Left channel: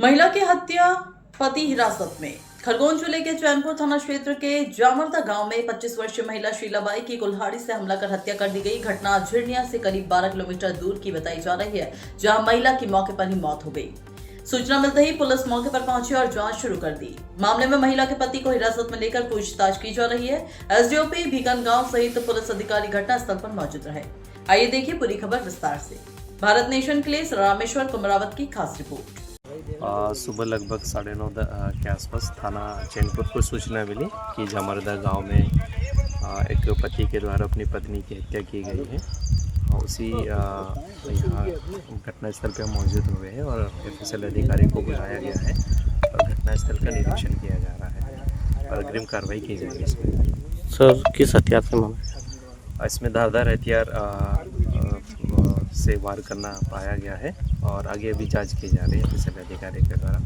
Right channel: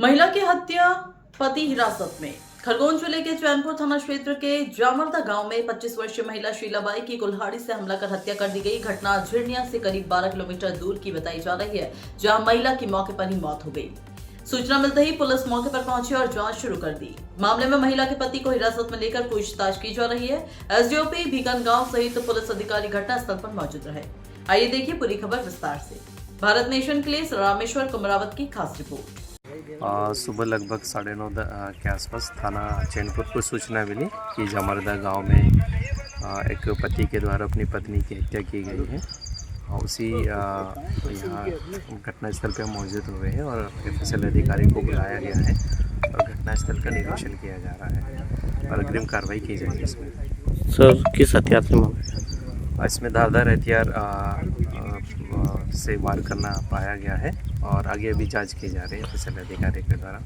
महिला की हत्या, पति हिरासत में। खरगोन जिले के चैनपुर थाना क्षेत्र के जामरदा गांव में 25 वर्षीय महिला शीलाबाई की कुल्हाड़ी से हमला कर हत्या कर दी गई। घटना झिरनिया से करीब 12 किलोमीटर दूर की बताई जा रही है, जहां महिला की मौके पर ही मौत हो गई। सूचना मिलते ही पुलिस मौके पर पहुंची और जांच शुरू कर दी। मामले में महिला के पति को हिरासत में लेकर पूछताछ की जा रही है। एसडीओपी भीकनगांव सहित पुलिस अधिकारी घटनास्थल पर मौजूद रहे। आइए देखिए पूरी खबर विस्तार से। भारत नेशन के लिए रामेश्वर कुमरावत की खास रिपोर्ट। सुबह लगभग 9:30 के आसपास थाना चैनपुर को सूचना मिली कि जामरदा गांव में एक पति के द्वारा अपनी पत्नी की हत्या की गई है। उसी यहाँ घटनास्थल पर मौजूद हुए हैं और एफएसएल अधिकारी को बुलाया गया है और घटनास्थल का निरीक्षण किया जा रहा है और अग्रिम कार्रवाई की जाएगी। इसमें सर किस हथियार से मारा? इसमें धारदार हथियार से वार करना पाया गया है और आगे अभी जांच की जा रही है एफएसएल अधिकारी के द्वारा।